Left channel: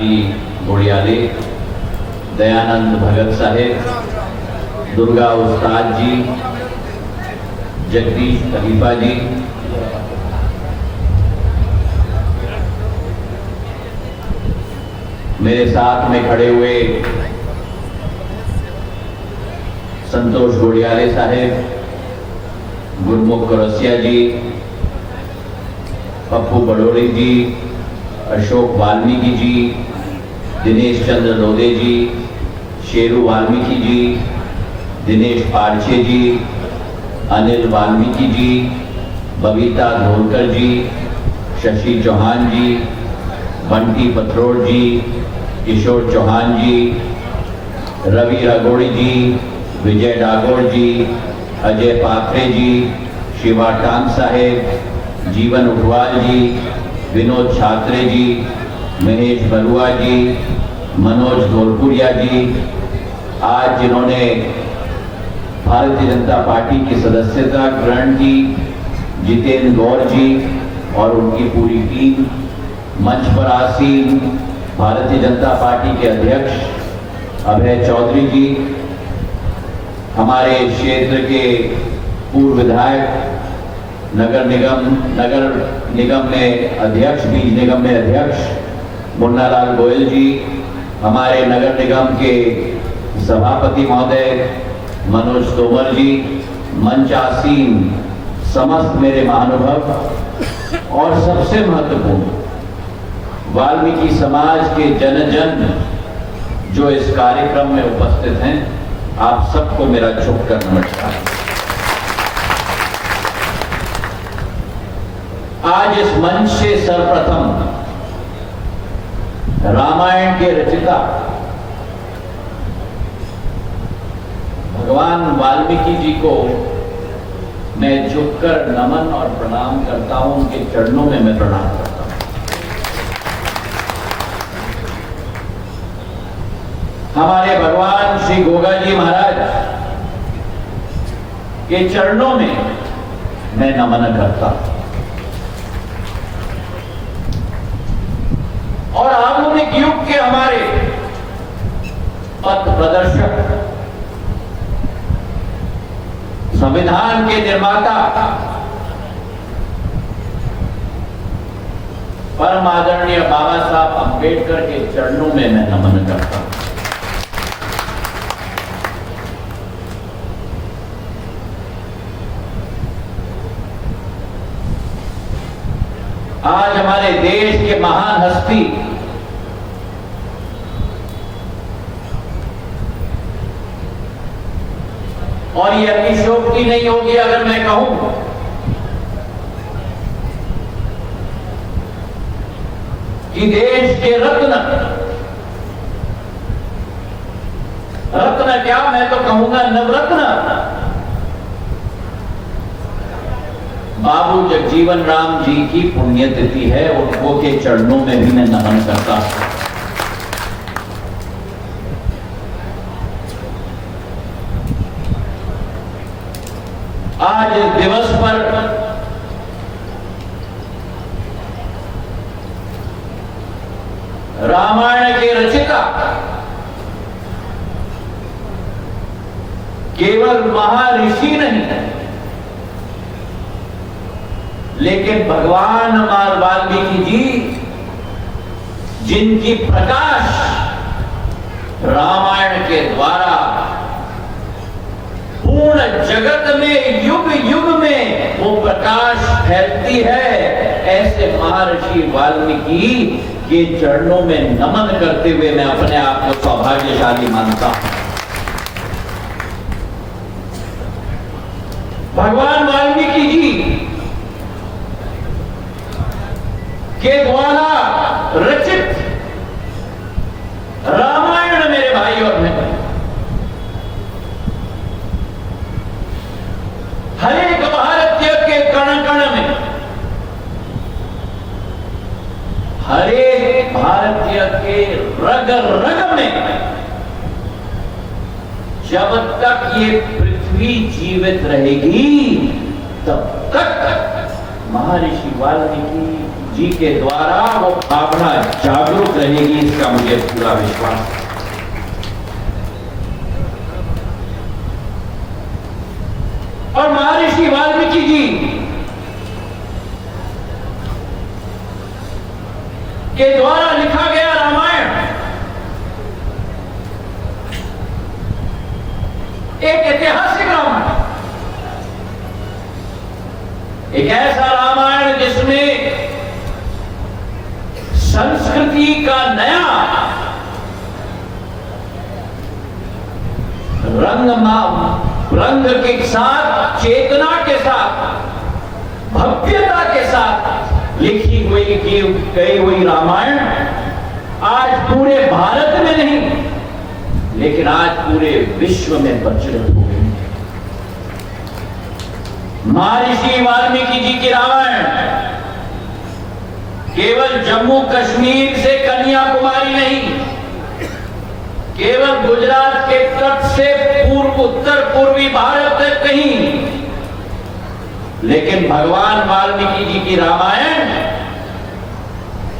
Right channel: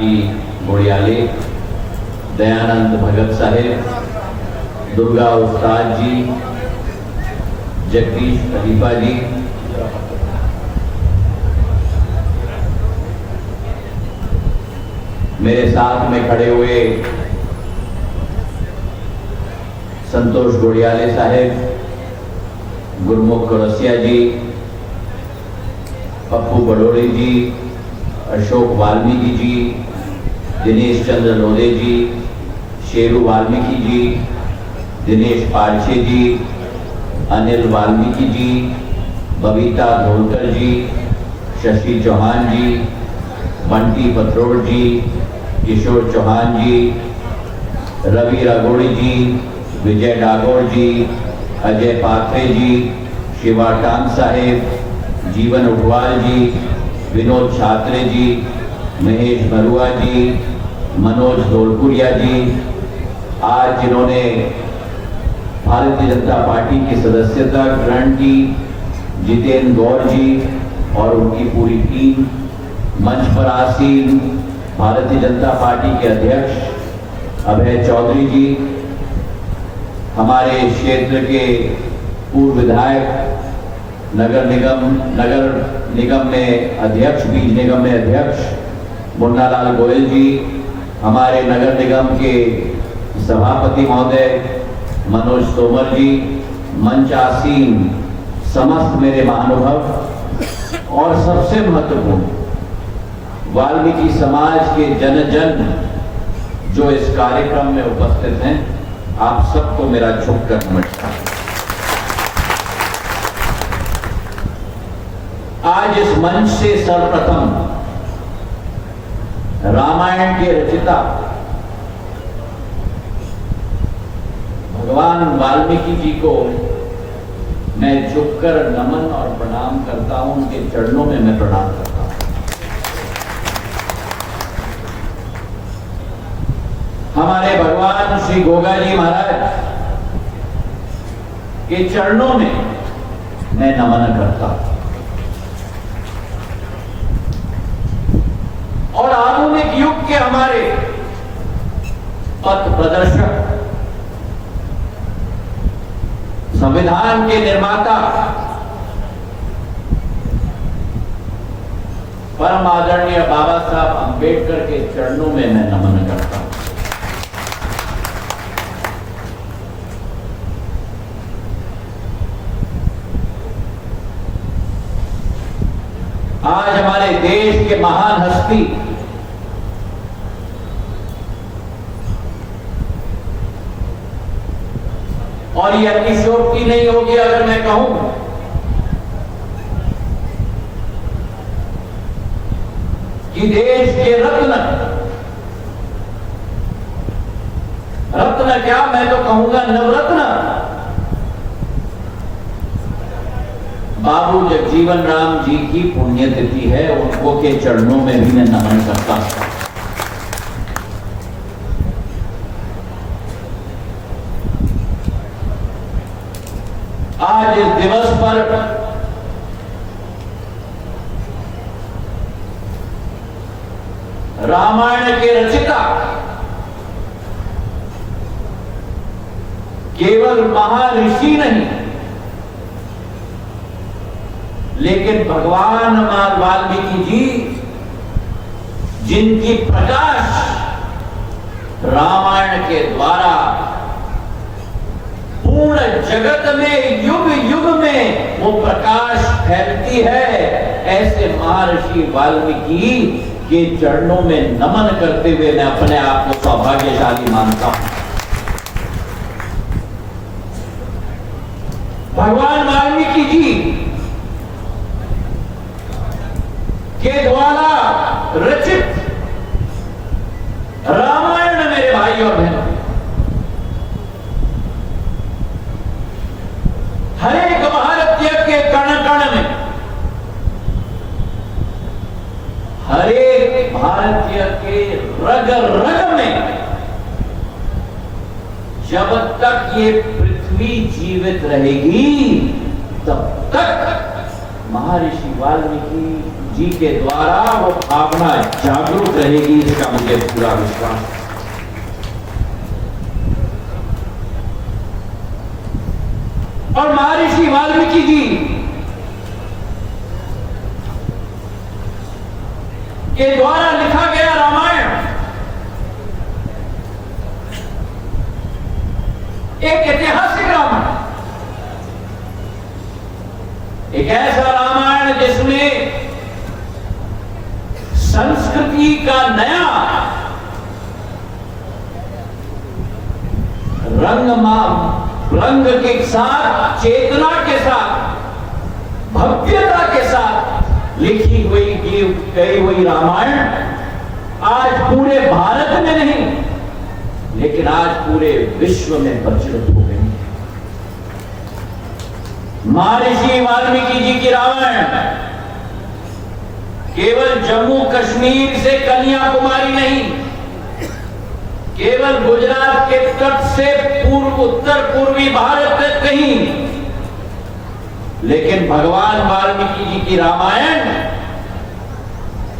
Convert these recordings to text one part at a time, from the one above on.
जी गोड़ियाले, दयानंद भगत साहेब, दुर्गा उस्ताद जी, जगदीश खलीफा जी, मेरे साथ में खड़े हुए संतोष गोड़ियाले साहेब, गुरमुख कुरसिया जी, पप्पू बड़ोड़ी जी, अशोक वाल्मीकि जी, दिनेश चंद्र लोधे जी, शेरू वाल्मीकि जी, दिनेश पारछे जी, अनिल वाल्मीकि जी, बबीता धोलकर जी, शशि चौहान जी, बंटी पथरोड़ जी, किशोर चौहान जी, रवि रागोड़ी जी, विजय डागोर जी, अजय पात्रे जी, शिवा टांग साहेब, जीवन उठवाल जी, विनोद छात्रे जी, महेश बरुआ जी, मनोज धोलपुरिया जी, आज जिन्होंने भारतीय जनता पार्टी की सदस्यता ग्रहण की, जितेंद्र गौर जी और उनकी पूरी टीम, मंच पर आसीन भारतीय जनता पार्टी के अध्यक्ष अभय चौधरी जी, हमारे क्षेत्र के पूर्व विधायक, नगर निगम में अध्यक्ष, बीज निगम में अध्यक्ष मुन्नालाल गोयल जी, हमारे नगर निगम के सभापति महोदय मनोज तोमर जी, मंच आसीन समस्त मेरे महानुभाव और सबसे महत्वपूर्ण वाल्मीकि समाज के जन जो इस कार्यक्रम में उपस्थित हैं, आप सबको मेरा झुककर नमस्कार। आज इस मंच से सर्वप्रथम रामायण के रचिता भगवान वाल्मीकि जी को मैं झुककर नमन और प्रणाम करता हूं, उनके चरणों में मैं प्रणाम करता हूं। हमारे भगवान श्री गोगा जी महाराज के चरणों में मैं नमन करता हूं। और आधुनिक युग के हमारे पथ प्रदर्शक, संविधान के निर्माता, परम आदरणीय बाबा साहब अंबेडकर के चरणों में मैं नमन करता हूं। आज हमारे देश के महान हस्ती और ये अतिशयोक्ति नहीं होगी अगर मैं कहूं कि देश के रत्न क्या, मैं तो कहूंगा नवरत्न बाबू जगजीवन राम जी की पुण्यतिथि है, उनको के चरणों में भी मैं नमन करता हूं। आज इस दिवस पर रामायण के रचिता केवल महर्षि नहीं, लेकिन भगवान वाल्मीकि जी, जिनकी प्रकाश रामायण के द्वारा पूर्ण जगत में युग युग में वो प्रकाश फैलती है, ऐसे महर्षि वाल्मीकि के चरणों में नमन करते हुए मैं अपने आप को सौभाग्यशाली मानता हूं। भगवान वाल्मीकि जी के द्वारा रचित रामायण मेरे भाई और बहन हर एक भारतीय के कण कण में, हर एक भारतीय के रग रग में, जब तक ये पृथ्वी जीवित रहेगी तब तक महर्षि वाल्मीकि जी के द्वारा वो भावना जागरूक रहेगी, इसका मुझे पूरा विश्वास है। और महर्षि वाल्मीकि जी के द्वारा लिखा गया रामायण एक ऐतिहासिक रामायण, एक ऐसा रामायण जिसमें संस्कृति का नया रंग के साथ, चेतना के साथ, भव्यता के साथ लिखी हुई गई हुई रामायण आज पूरे भारत में नहीं लेकिन आज पूरे विश्व में प्रचलित हो गई है। महर्षि वाल्मीकि जी की रामायण केवल जम्मू कश्मीर से कन्याकुमारी नहीं, केवल गुजरात के तट से उत्तर पूर्वी भारत तक नहीं, लेकिन भगवान वाल्मीकि जी की रामायण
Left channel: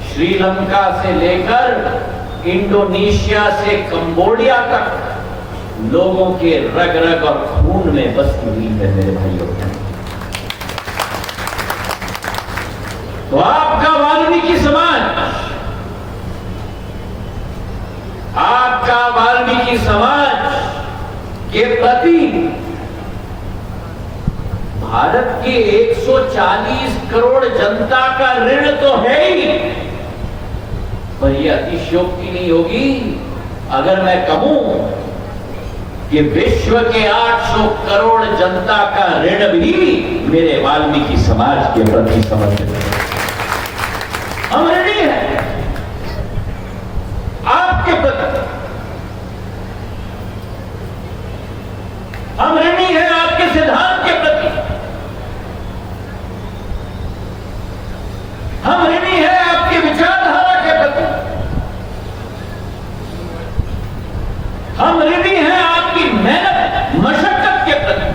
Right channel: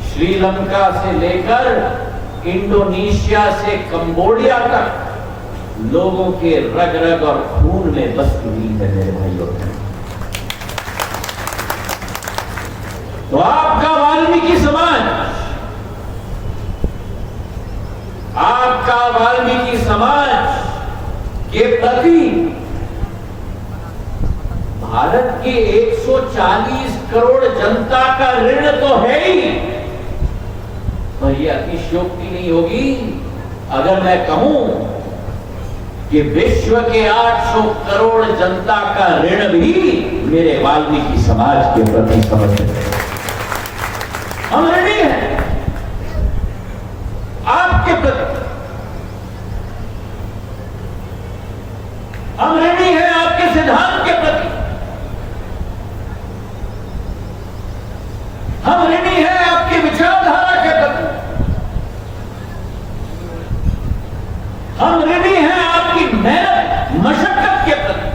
श्रीलंका से लेकर इंडोनेशिया से कंबोडिया तक लोगों के रग रग और खून में बसी हुई है मेरे भाइयों। तो आपका वाल्मीकि समाज, आपका वाल्मीकि समाज के प्रति भारत की 140 करोड़ जनता का ऋण तो है ही, पर यह अतिशयोक्ति नहीं होगी अगर मैं कहूं कि विश्व के 800 करोड़ जनता का ऋण भी मेरे वाल्मीकि समाज के प्रति समर्पित है। हम ऋणी हैं आपके प्रति, हम ऋणी हैं आपके सिद्धांत के प्रति, हम ऋणी हैं आपकी विचारधारा के प्रति, हम ऋणी हैं आपकी मेहनत मशक्कत के प्रति।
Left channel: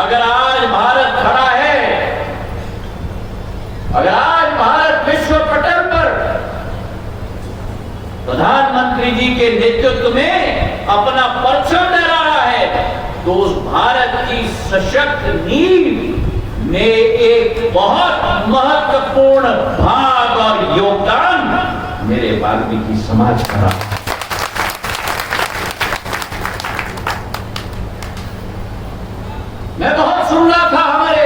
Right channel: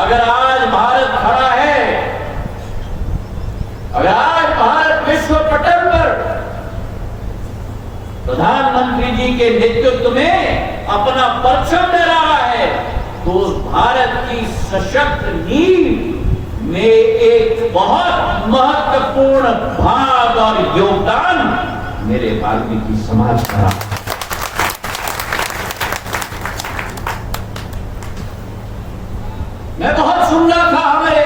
अगर आज भारत खड़ा है, अगर आज भारत विश्व पटल पर प्रधानमंत्री जी के नेतृत्व में अपना परचम लहरा रहा है, तो उस भारत की सशक्त नींव में एक बहुत महत्वपूर्ण भाग और योगदान मेरे वाल्मीकि समाज का रहा। मैं बहुत सुन रहा था हमारे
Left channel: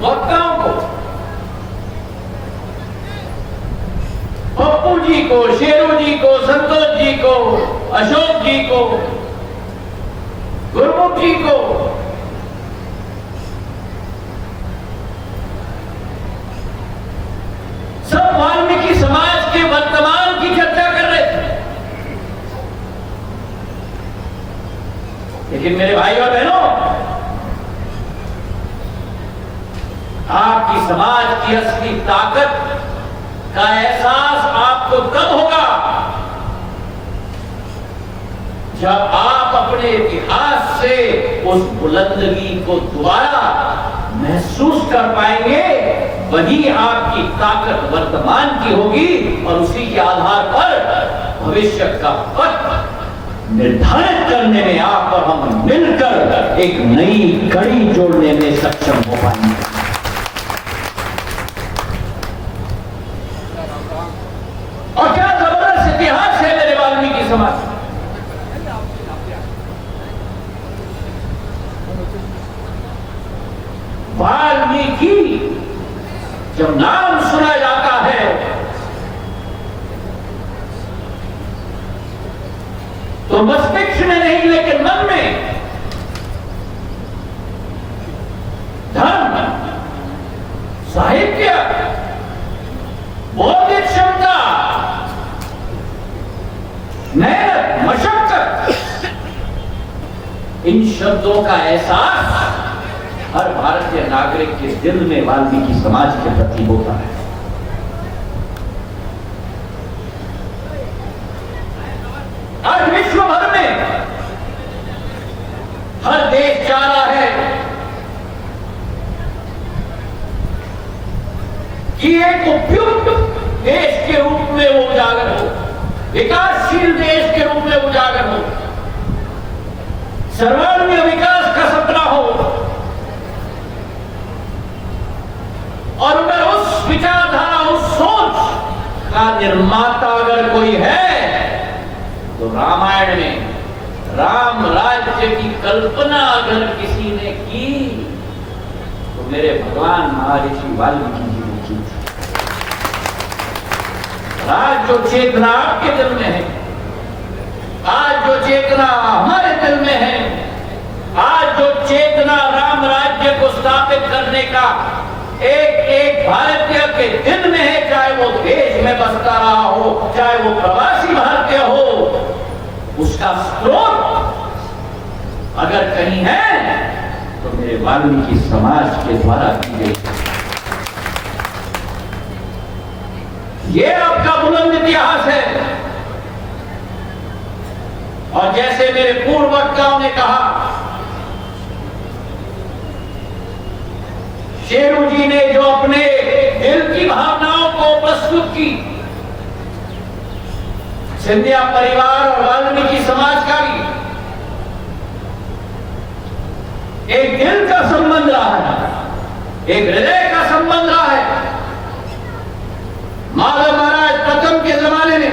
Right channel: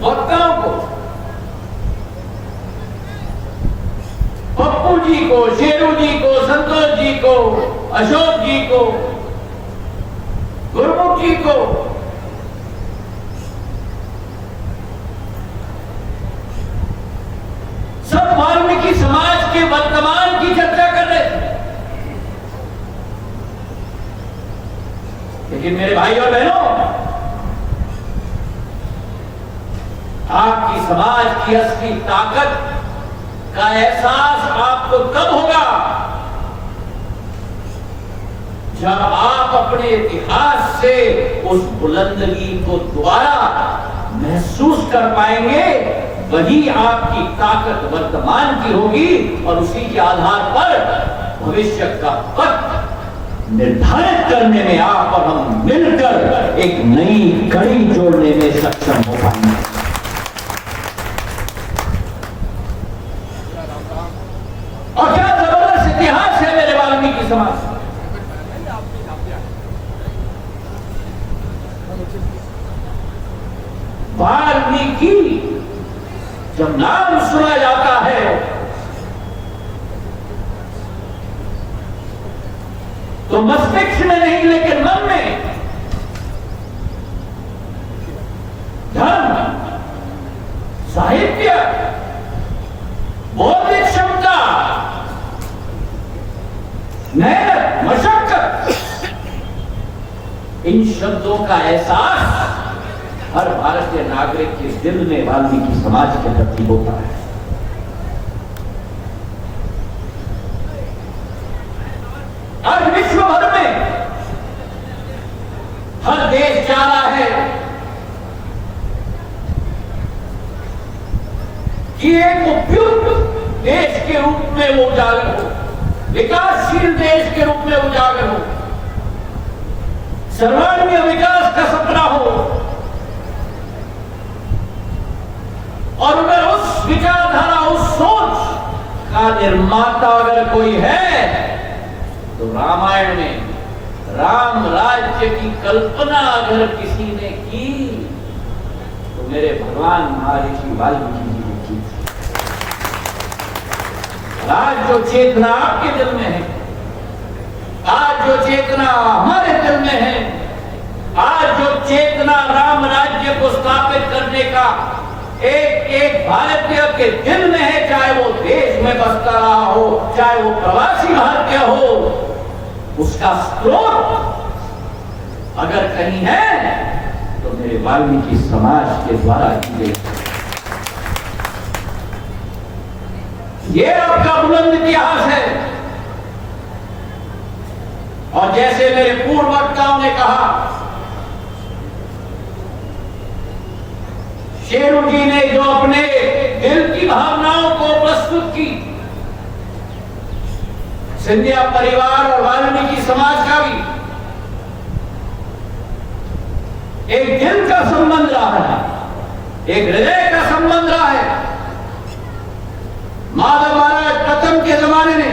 वक्ताओं को, पप्पू जी को, शेरू जी को, संतोष जी को, अशोक जी को, गुरमुख जी को, सब वाल्मीकि समाज के वर्तमान की चर्चा कर रहे थे। लेकिन मेरे भाई और बहनों, आपकी समाज की असली ताकत का एहसास आपको तब होगा जब आप अपने इतिहास से उस बुलंदगी को दोबारा महसूस कर पाएंगे। वही आपकी ताकत वर्तमान की होगी और उसी के आधार पर भविष्य का पथ निर्धारित करने में आप और हम मिलकर एक नई कड़ी जोड़ने में सक्षम हो पाएंगे। और क्या जबरदस्त इतिहास है मेरे वाल्मीकि समाज का। वाल्मीकि जब नाम सुना जाता है तो मस्तिष्क में नहीं लेकिन मन में धर्म, साहित्य, बौद्धिक क्षमता, मेहनत, मशक्कत, इन शब्दों का एहसास हर भारतीय नागरिक के दिल में वाल्मीकि समाज के प्रति होता है। आज विश्व भर में हर देश चाह रहा है एक उपयुक्त देश के रूप में वो उजागर हो, विकासशील देश के रूप में उजागर हो, सर्वांगीण विकास का सपना हो। और अगर उस विचारधारा, उस सोच का निर्माता अगर कोई है तो रामायण में राम राज्य की कल्पना अगर किसी ने की तो मेरे भगवान महर्षि वाल्मीकि जी ने की थी। आज जो चेतना आपके दिल में है, आज जो चेतना हमारे दिल में है, आज जो चेतना राम राज्य को स्थापित करने का एक एक भारतीय के दिल में है, चाहे वो देश में बसता रहा हो, चाहे वो प्रवासी भारतीय हो, उसका स्रोत अगर कहीं है तो मेरे वाल्मीकि समाज के द्वारा की गई। ये आपका बुलंद इतिहास है। और जैसे मेरे पूर्व वक्ताओं ने कहा, शेरू जी ने जो अपने दिल की भावनाओं को प्रस्तुत की, सिंधिया परिवार और वाल्मीकि समाज का भी एक दिल का संबंध रहा है, एक हृदय का संबंध रहा है। माधव महाराज प्रथम के जमाने में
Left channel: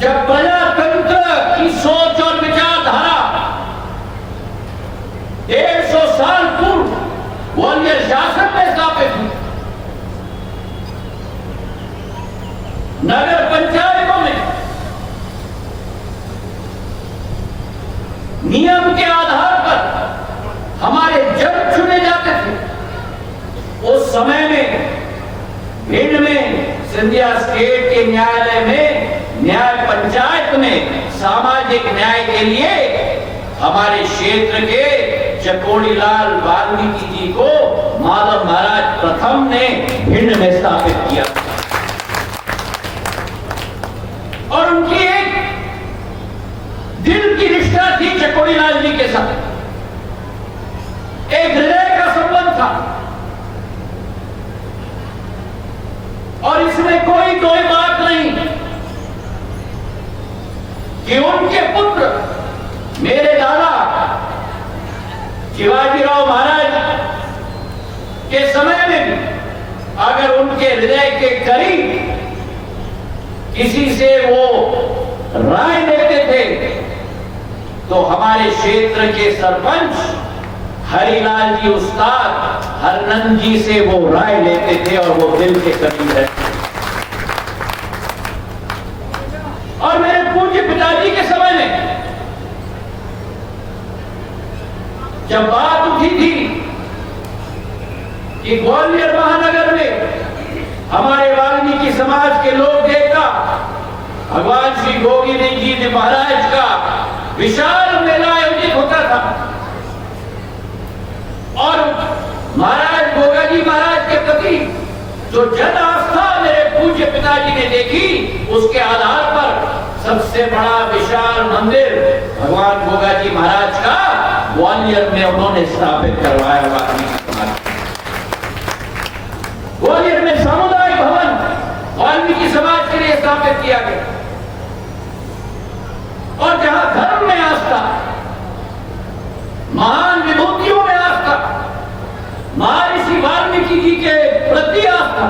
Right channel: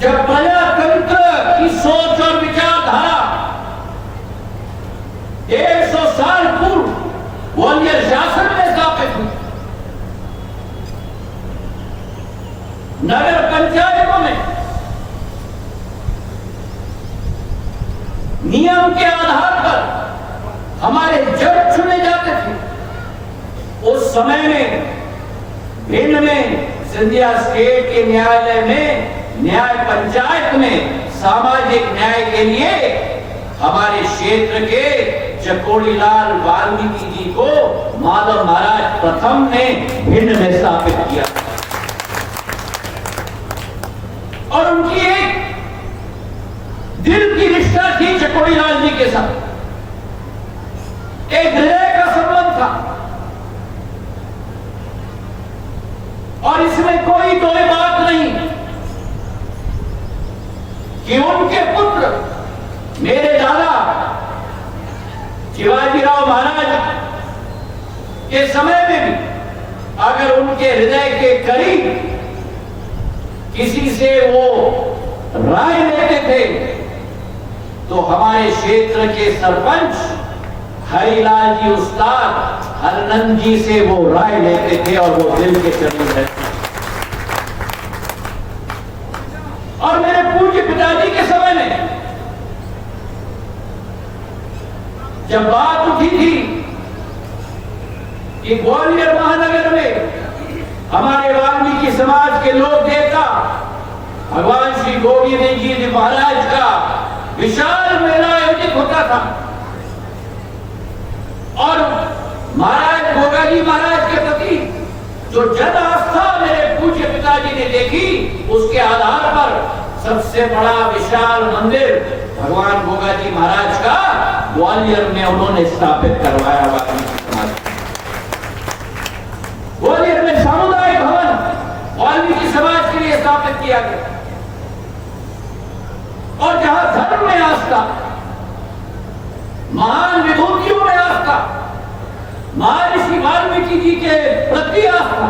जब प्रजातंत्र की सोच और विचारधारा 150 साल पूर्व ग्वालियर शासन में स्थापित हुई, नगर पंचायतों में नियम के आधार पर हमारे जज चुने जाते थे। उस समय में भिंड में सिंधिया स्टेट के न्यायालय में, न्याय पंचायत में सामाजिक न्याय के लिए हमारे क्षेत्र के चकोड़ीलाल वाल्मीकि जी को माधव महाराज प्रथम ने भिंड में स्थापित किया और उनकी एक दिल की निष्ठा थी चकोड़ीलाल जी के साथ, एक हृदय का संबंध था। और इसमें कोई बात नहीं कि उनके पुत्र मेरे दादा शिवाजीराव महाराज के समय में भी अगर उनके हृदय के करीब किसी से वो राय लेते थे तो हमारे क्षेत्र के सरपंच हरिलाल जी उस्ताद हरनंद जी से वो राय लेते थे और वो दिल के करीब रहते। और मेरे पूज्य पिताजी के समय में जब बात उठी थी कि ग्वालियर महानगर में हमारे वाल्मीकि समाज के लोक देवता भगवान श्री गोविंद जी महाराज का विशाल मेला आयोजित होता था और महाराज गोगा जी महाराज के प्रति जो जन आस्था मेरे पूज्य पिताजी ने देखी, उसके आधार पर सबसे बड़ा विशाल मंदिर भगवान गोगा जी महाराज का ग्वालियर में उन्होंने स्थापित करवाया। वाल्मीकि समाज ग्वालियर में सामुदायिक भवन वाल्मीकि समाज के लिए स्थापित किया गया। और जहां धर्म में आस्था, महान विभूतियों में आस्था, महर्षि वाल्मीकि जी के प्रति आस्था,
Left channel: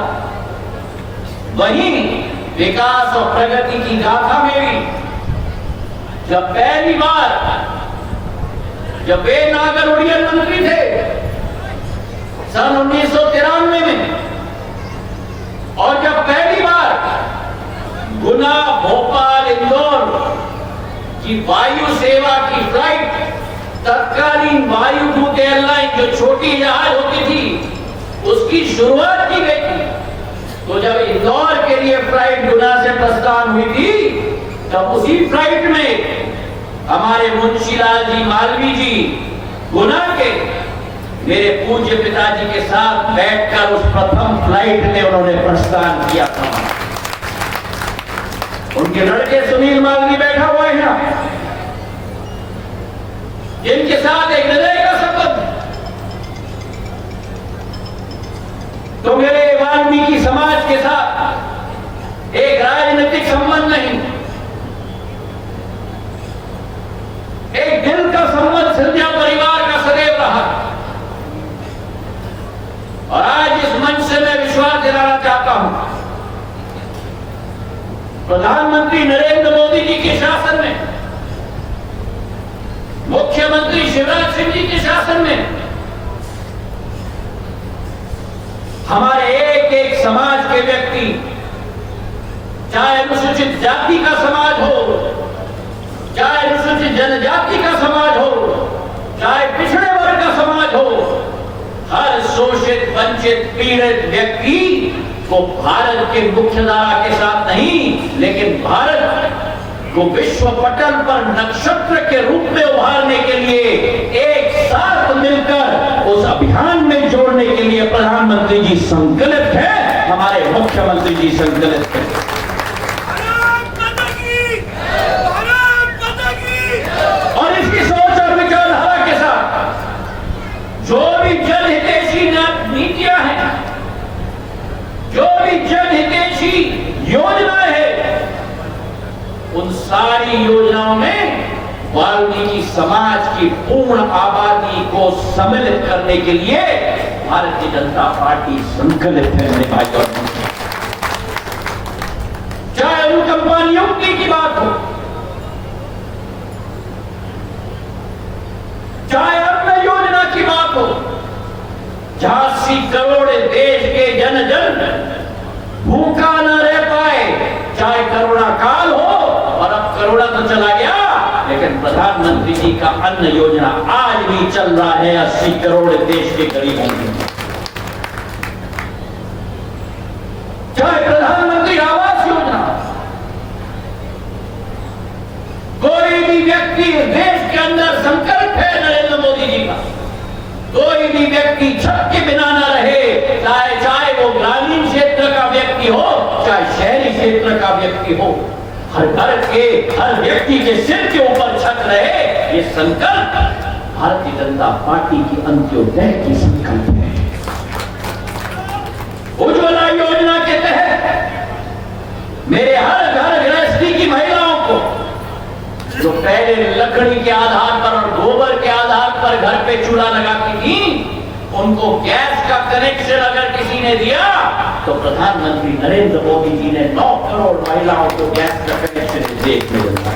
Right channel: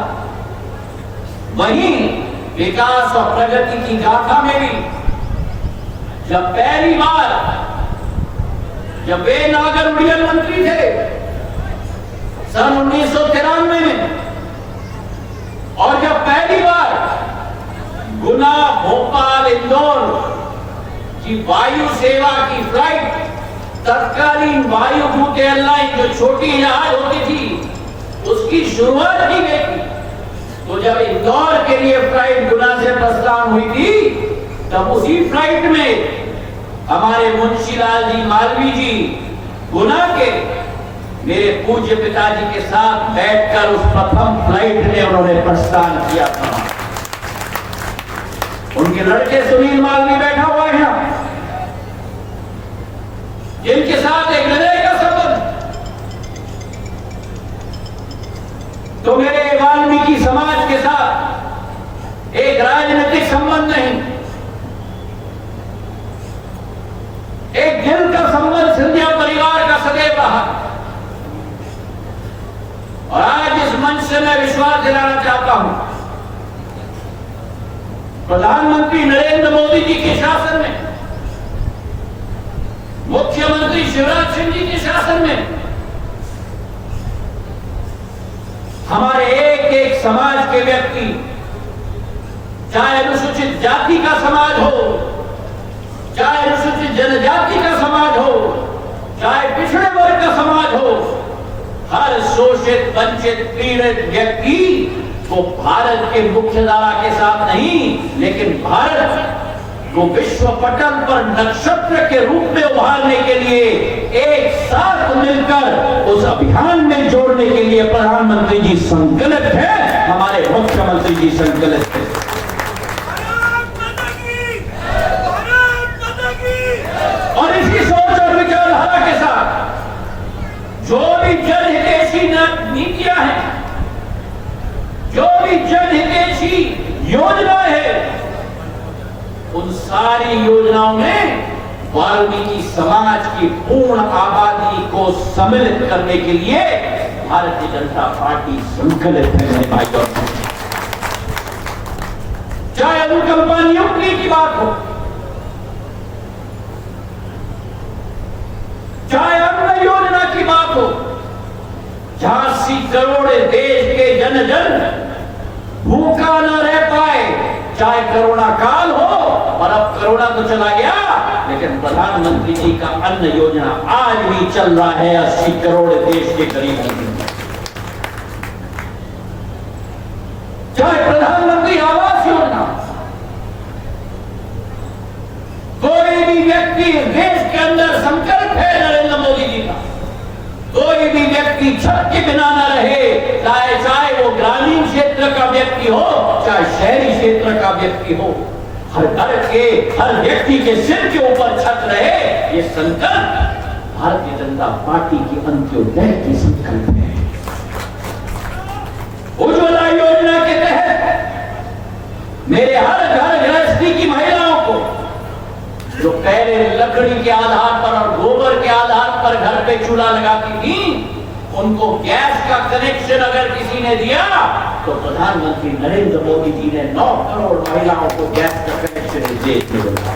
वहीं विकास और प्रगति की गाथा में भी जब पहली बार जब वे नागर उड्डयन मंत्री थे सन 1993 में, और जब पहली बार गुना, भोपाल, इंदौर की वायु सेवा की फ्लाइट तत्कालीन वायुदूत एयरलाइन जो छोटी जहाज होती थी उसकी शुरुआत की गई थी, तो जब इंदौर के लिए फ्लाइट गुना से प्रस्थान हुई थी तब उसी फ्लाइट में हमारे मुंशीलाल जी मालवीय जी गुना के मेरे पूज्य पिताजी के साथ बैठकर उस प्रथम फ्लाइट में उन्होंने प्रस्थान किया था। उनके लड़के सुनील मालवीय बैठा हुआ है यहाँ, जिनके साथ एक हृदय का संबंध। तो मेरे वाल्मीकि समाज के साथ एक राजनीतिक संबंध नहीं, एक दिल का संबंध सिंधिया परिवार का सदैव रहा। और आज इस मंच से मैं विश्वास दिलाना चाहता हूं, प्रधानमंत्री नरेंद्र मोदी जी के शासन में, मुख्यमंत्री शिवराज सिंह जी के शासन में हमारे एक एक समाज के व्यक्ति, चाहे अनुसूचित जाति का समाज हो, चाहे अनुसूचित जनजाति का समाज हो, चाहे पिछड़े वर्ग का समाज हो, हर शोषित वंचित पीड़ित व्यक्ति को भारत के मुख्यधारा के साथ नहीं, लेकिन भारत को विश्व पटल पर नक्षत्र के रूप में उभारने के लिए एक साथ मिलकर उस अभियान में जोड़ने के लिए प्रधानमंत्री जी संकल्पित है, हमारे मुख्यमंत्री जी संकल्पित है। और इसी सोच और विचारधारा के साथ जो भी जनहितैषी नीतियां हैं, जो भी जनहितैषी योजनाएं हैं, उन सारी योजनाओं में वाल्मीकि समाज की पूर्ण आबादी को सम्मिलित करने के लिए भारतीय जनता पार्टी संकल्पित है मेरे भाई और बहनों। चाहे अनुकंपा नियुक्ति की बात हो, चाहे अन्न योजना की बात हो, जहां 80 करोड़ देश के जन जन भूखा न रह पाए, चाहे कोरोना काल हो, और अब कोरोना तो चला गया, लेकिन प्रधानमंत्री जी का अन्न योजना आज भी चल रहा है 80 करोड़ देश के गरीबों के लिए। चाहे प्रधानमंत्री आवास योजना, कोई भी व्यक्ति देश के अंदर संकल्प है नरेंद्र मोदी जी का, कोई भी व्यक्ति छत के बिना न रहे, चाहे वो ग्रामीण क्षेत्र का व्यक्ति हो, चाहे शहरी क्षेत्र का व्यक्ति हो, हर घर के हर व्यक्ति के सिर के ऊपर छत रहे, ये संकल्प भारतीय जनता पार्टी की अंत्योदय की संकल्प है। उज्ज्वला योजना के तहत मेरे हर घर गृहस्थी की महिलाओं को, जो पहले लकड़ी के आधार पर और गोबर के आधार पर घर पे चूल्हा लगाती थी, उनको गैस का कनेक्शन अगर किसी ने दिया तो प्रधानमंत्री नरेंद्र मोदी जी ने 9 करोड़ महिलाओं को गैस का कनेक्शन देखने को दिया।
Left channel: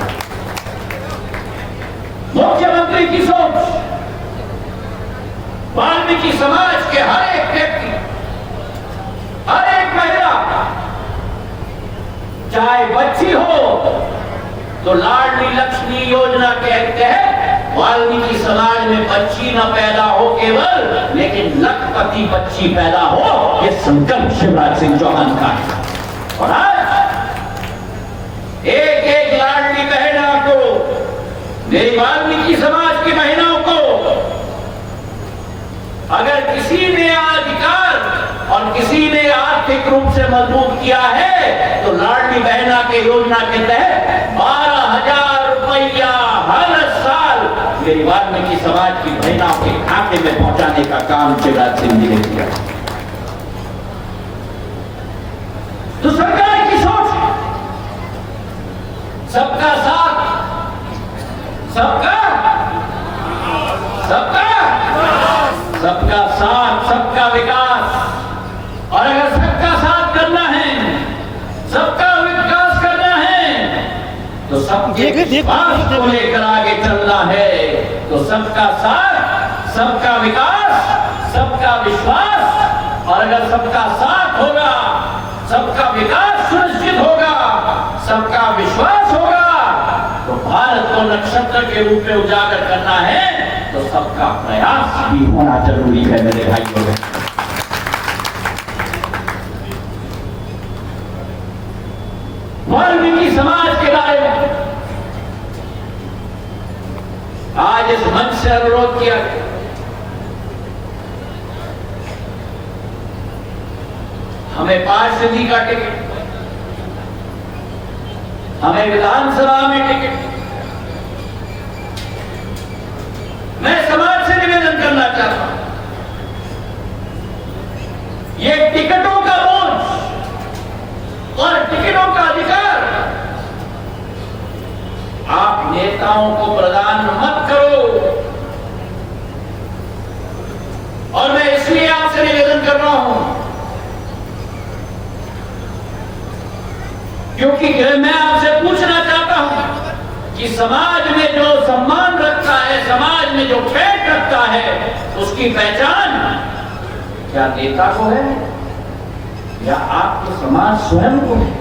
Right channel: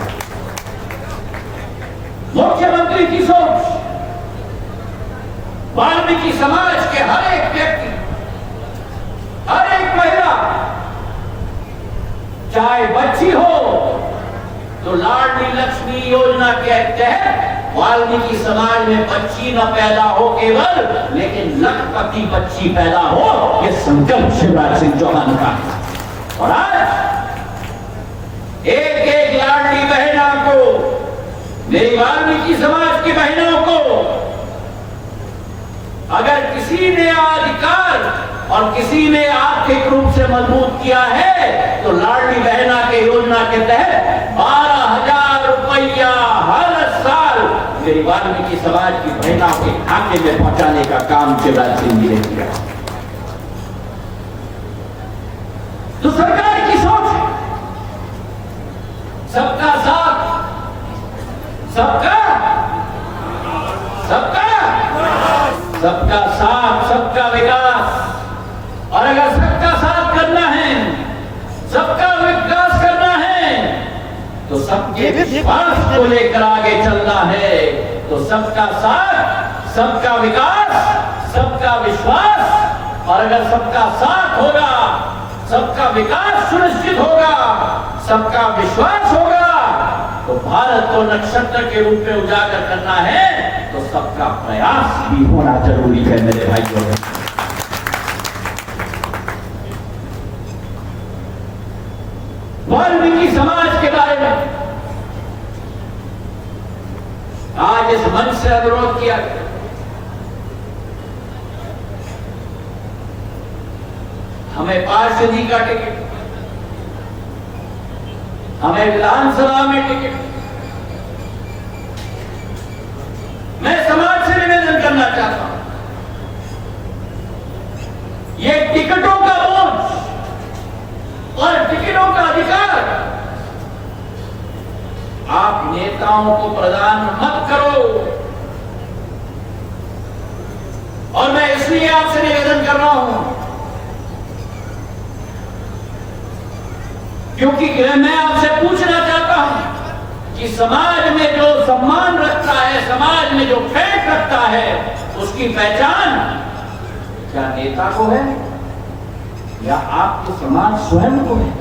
मुख्यमंत्री की सोच, वाल्मीकि समाज के हर एक व्यक्ति, हर एक महिला, चाहे बच्ची हो तो लाडली लक्ष्मी योजना के तहत वाल्मीकि समाज में बच्ची न पैदा हो केवल, लेकिन लखपति बच्ची पैदा हो, ये संकल्प शिवराज सिंह चौहान का है। और आज एक एक लाडली बहना को, मेरी वाल्मीकि समाज की बहनों को अगर किसी ने अधिकार और किसी ने आर्थिक रूप से मजबूत किया है, तो लाडली बहना के योजना के तहत 12,000 रुपया हर साल मेरी वाल्मीकि समाज की बहनों के खाते में पहुंचाने का काम शिवराज सिंह जी ने किया। तो सरकार की सोच है सबका साथ, सबका साथ, सबका विकास। और अगर सबका साथ करना है, सबका विकास करना है, तो सबके विश्वास को लेकर आगे चलना है। तो सबका साथ, सबका विकास, सबका विश्वास। और अगर सबका साथ होगा, सबका विकास सुनिश्चित होगा, सबका विश्वास होगा, तो भारत को नक्षत्र के रूप में उजागर करना है, तो सबका प्रयास भी होना जरूरी है मेरे भाइयों। वाल्मीकि समाज के बारे में आज इस मंच से अनुरोध किया गया, हमें पार्षदी का टिकट, हमें विधानसभा में टिकट। मैं समाज से निवेदन करना चाहता हूं, ये नेताओं को प्रदान मत करो। और मैं इसलिए आपसे निवेदन कर रहा हूं क्योंकि मैं आपसे पूछना चाहता हूं कि समाज में जो सम्मान रखता है, समाज में जो ठेठ रखता है, उसकी पहचान क्या नेता को है या आपके समाज स्वयं को है?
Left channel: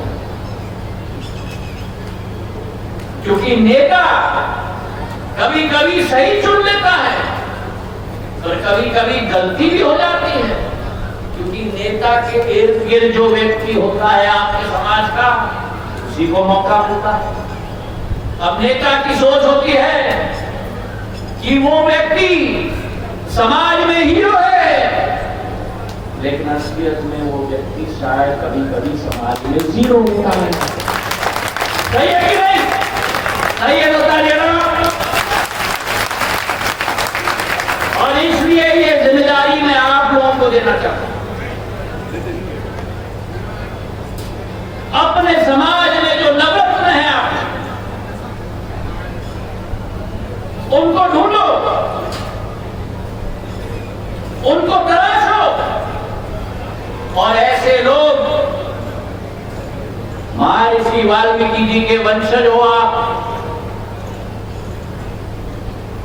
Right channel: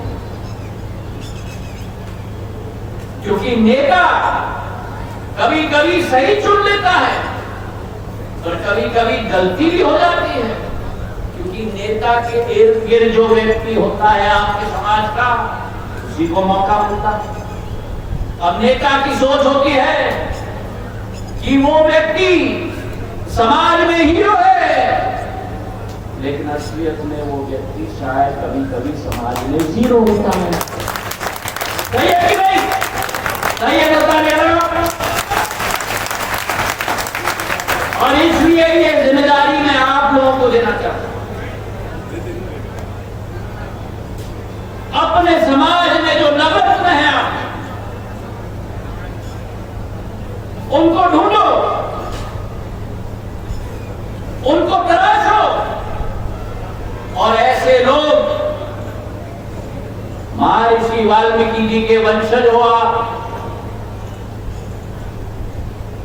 क्योंकि नेता कभी कभी सही चुन लेता है और कभी कभी गलती भी हो जाती है, क्योंकि नेता के इर्द गिर्द जो व्यक्ति होता है आपके समाज का, उसी को मौका मिलता है। अब नेता की सोच होती है कि वो व्यक्ति समाज में हीरो है, लेकिन असलियत में वो व्यक्ति शायद कभी कभी समाज में जीरो होता है। सही है कि नहीं? सही है, बता देना। और इसलिए ये जिम्मेदारी मैं आप लोगों को देना चाहता हूं। अपने समाज में जो नवरत्न है आप उनको ढूंढो, उनको तलाशो, और ऐसे लोग, महर्षि वाल्मीकि जी के वंशज हो आप,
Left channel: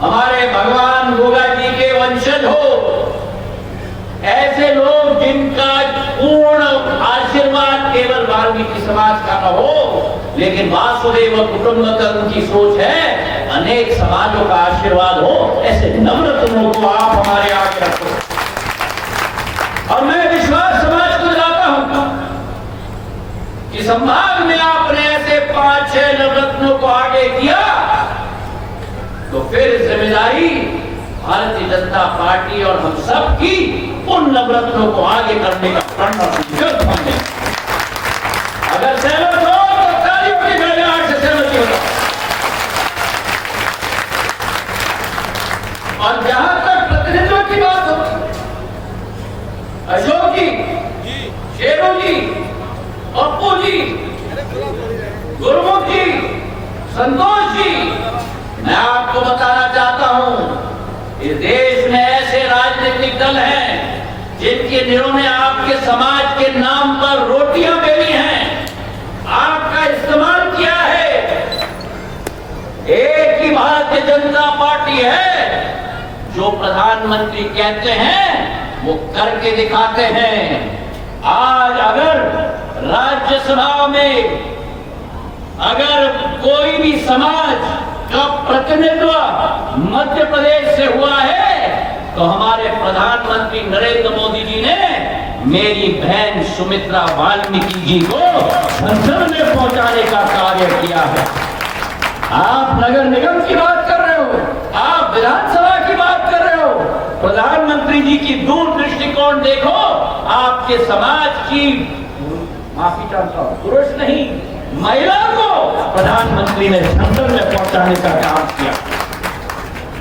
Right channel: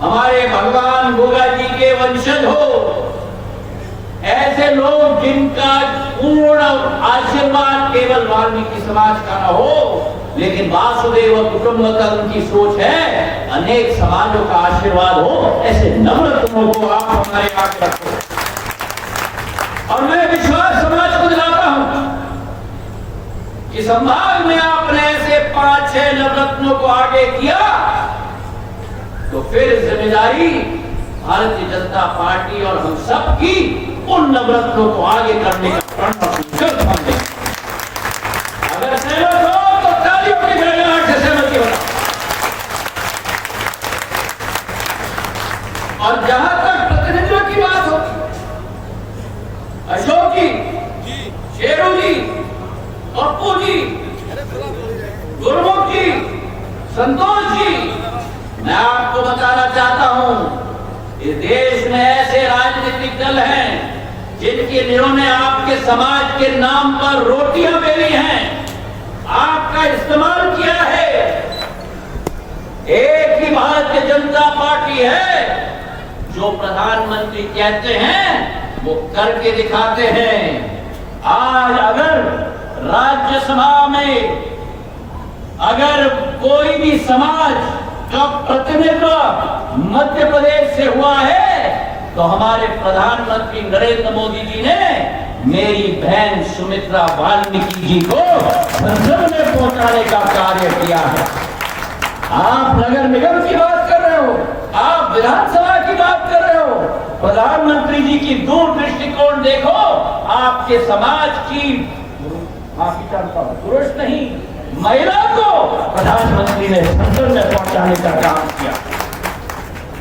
हमारे भगवान गोगा जी के वंशज हो, ऐसे लोग जिनका पूर्ण आशीर्वाद केवल वाल्मीकि समाज का न हो, लेकिन वासुदेव कुटुंबकम की सोच है अनेक समाजों का आशीर्वाद हो, ऐसे नवरत्नों को आप हमारे आगे रखो। और मैं विश्वास समाज को दिलाता हूं कि संभाग में आपने ऐसे 5-6 नवरत्नों को आगे किया तो फिर जिम्मेदारी भारतीय जनता पार्टी और हम सब की उन नवरत्नों को आगे करने का प्रण और संकल्प हमने। अगर सहमत हो तो तालियों की गड़गड़ाहट से सहमति बताओ। और जहां तक प्रतिनिधित्व की बात होती, अशोक जी, शेरू जी, पप्पू जी, गुरमुख जी, संतोष जी, मैं आपको बताना चाहता हूं इस देश में ऐसे राजनीतिक दल हैं जिनके जिन्होंने आपके समाज के नाम पर रोटियां बेली हैं, आपका इस्तेमाल किया है। एक ही भारतीय जनता पार्टी है जो प्रधानमंत्री कहते हैं वो करके दिखाते हैं। आज अगर राज्यसभा में अगर कोई भी समाज का प्रतिनिधित्व मध्य प्रदेश से हुआ है तो हमारे प्रधानमंत्री नरेंद्र मोदी जी ने मेरी बहन सुमित्रा वाल्मीकि जी को संसद में पहुंचाने का कार्य किया है। आप नगर निगम की बात कर रहे हो, आप विधानसभा की बात कर रहे हो, प्रधानमंत्री जी की दूर दृष्टिकोण देखो। आपके समाज की, माफी चाहता हूं, पुरुष नहीं महिला को प्रधानमंत्री ने संसद में पहुंचाने का काम किया।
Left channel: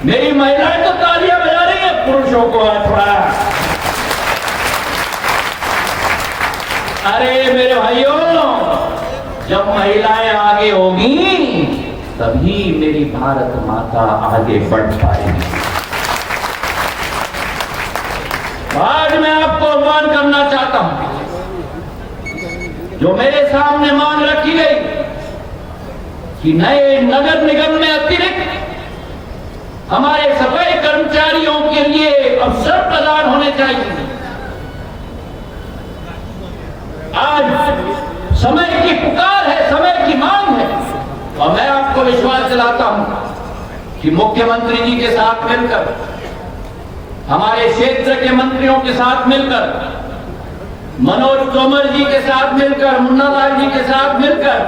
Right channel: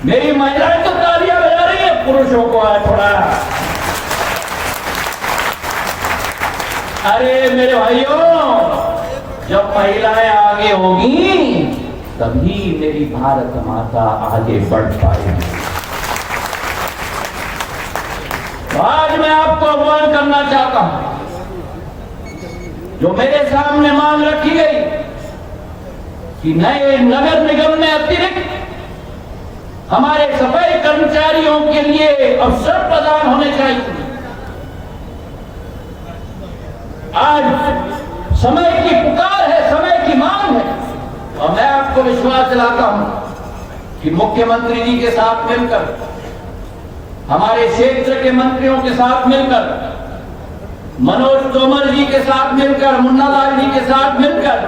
मेरी महिलाएं तो तालियां बजा रही है, पुरुषों को है थोड़ा। अरे मेरे भाइयों, जब महिलाएं आगे होगी तभी मेरी भारत माता आगे बढ़ पाएगी। आज मैं आपको आह्वान करना चाहता हूं, जो मेरे सामने मांग रखी गई कि नए नगर निगम में अतिरिक्त हमारे सफाई कर्मचारियों के लिए अवसर प्रदान होने चाहिए। आज समय की पुकार है, समय की मांग है, और मैं आपको विश्वास दिलाता हूं कि मुख्यमंत्री जी के साथ मिलकर, हमारे क्षेत्र के मंत्रियों के साथ मिलकर, मनोज तोमर जी के साथ मिलकर, मुन्ना लाल जी के साथ मिलकर,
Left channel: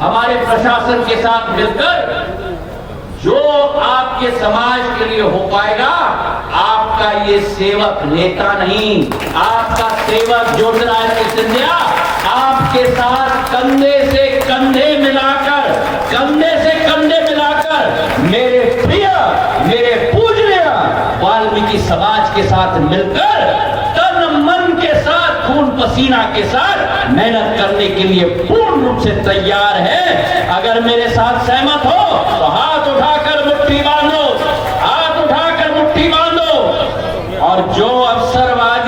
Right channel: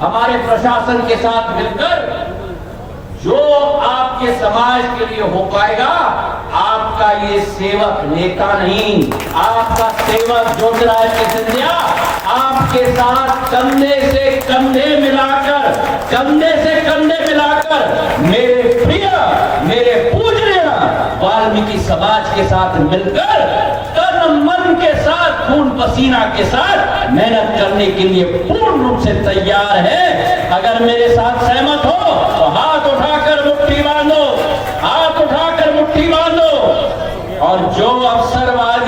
हमारे प्रशासन के साथ मिलकर जो आपके समाज के लिए हो पाएगा, आपका ये सेवक नेता नहीं, आपका सेवक ज्योतिरादित्य सिंधिया आपके साथ कंधे से कंधे मिलाकर, कंधे से कंधे मिलाकर मेरे प्रिय, मेरे पूजनीय वाल्मीकि समाज के साथ मिलकर तन मन के साथ, खून पसीना के साथ मेहनत करने के लिए पूर्ण रूप से तैयार है। अगर मेरे साथ सहमत हो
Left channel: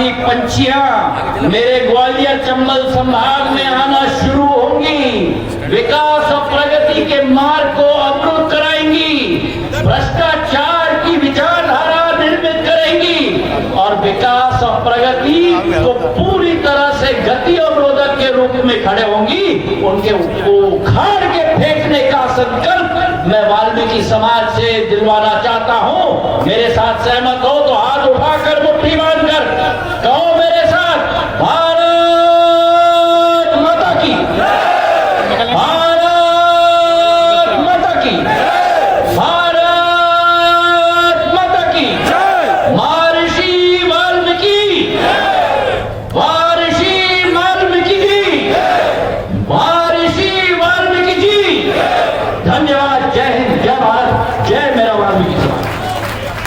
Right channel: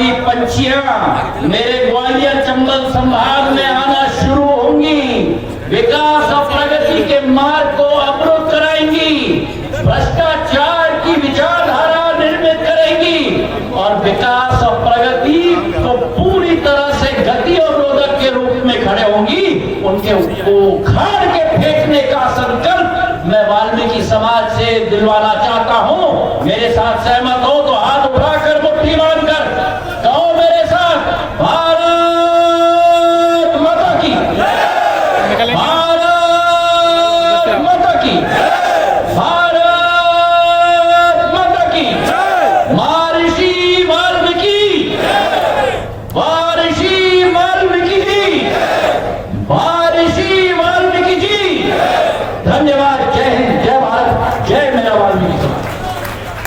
आदि पंछियां मेरे ग्वालियर चंबल संभाग में आना शुरू होंगी। विकास और प्रगति के मार्ग को अवरुद्ध कराएंगी, भ्रष्टाचार की विचारधारा निर्मित करेंगी और विकास और प्रगति को पूरी तरह से गति और रोधक के रूप में खड़े होंगी। उनके उखाड़ के फेंकने का संकल्प मैं वाल्मीकि समाज से दिलवाना चाहता हूं। मेरे साथ सहमत हो तो हाथ उठाकर मुट्ठी बांधकर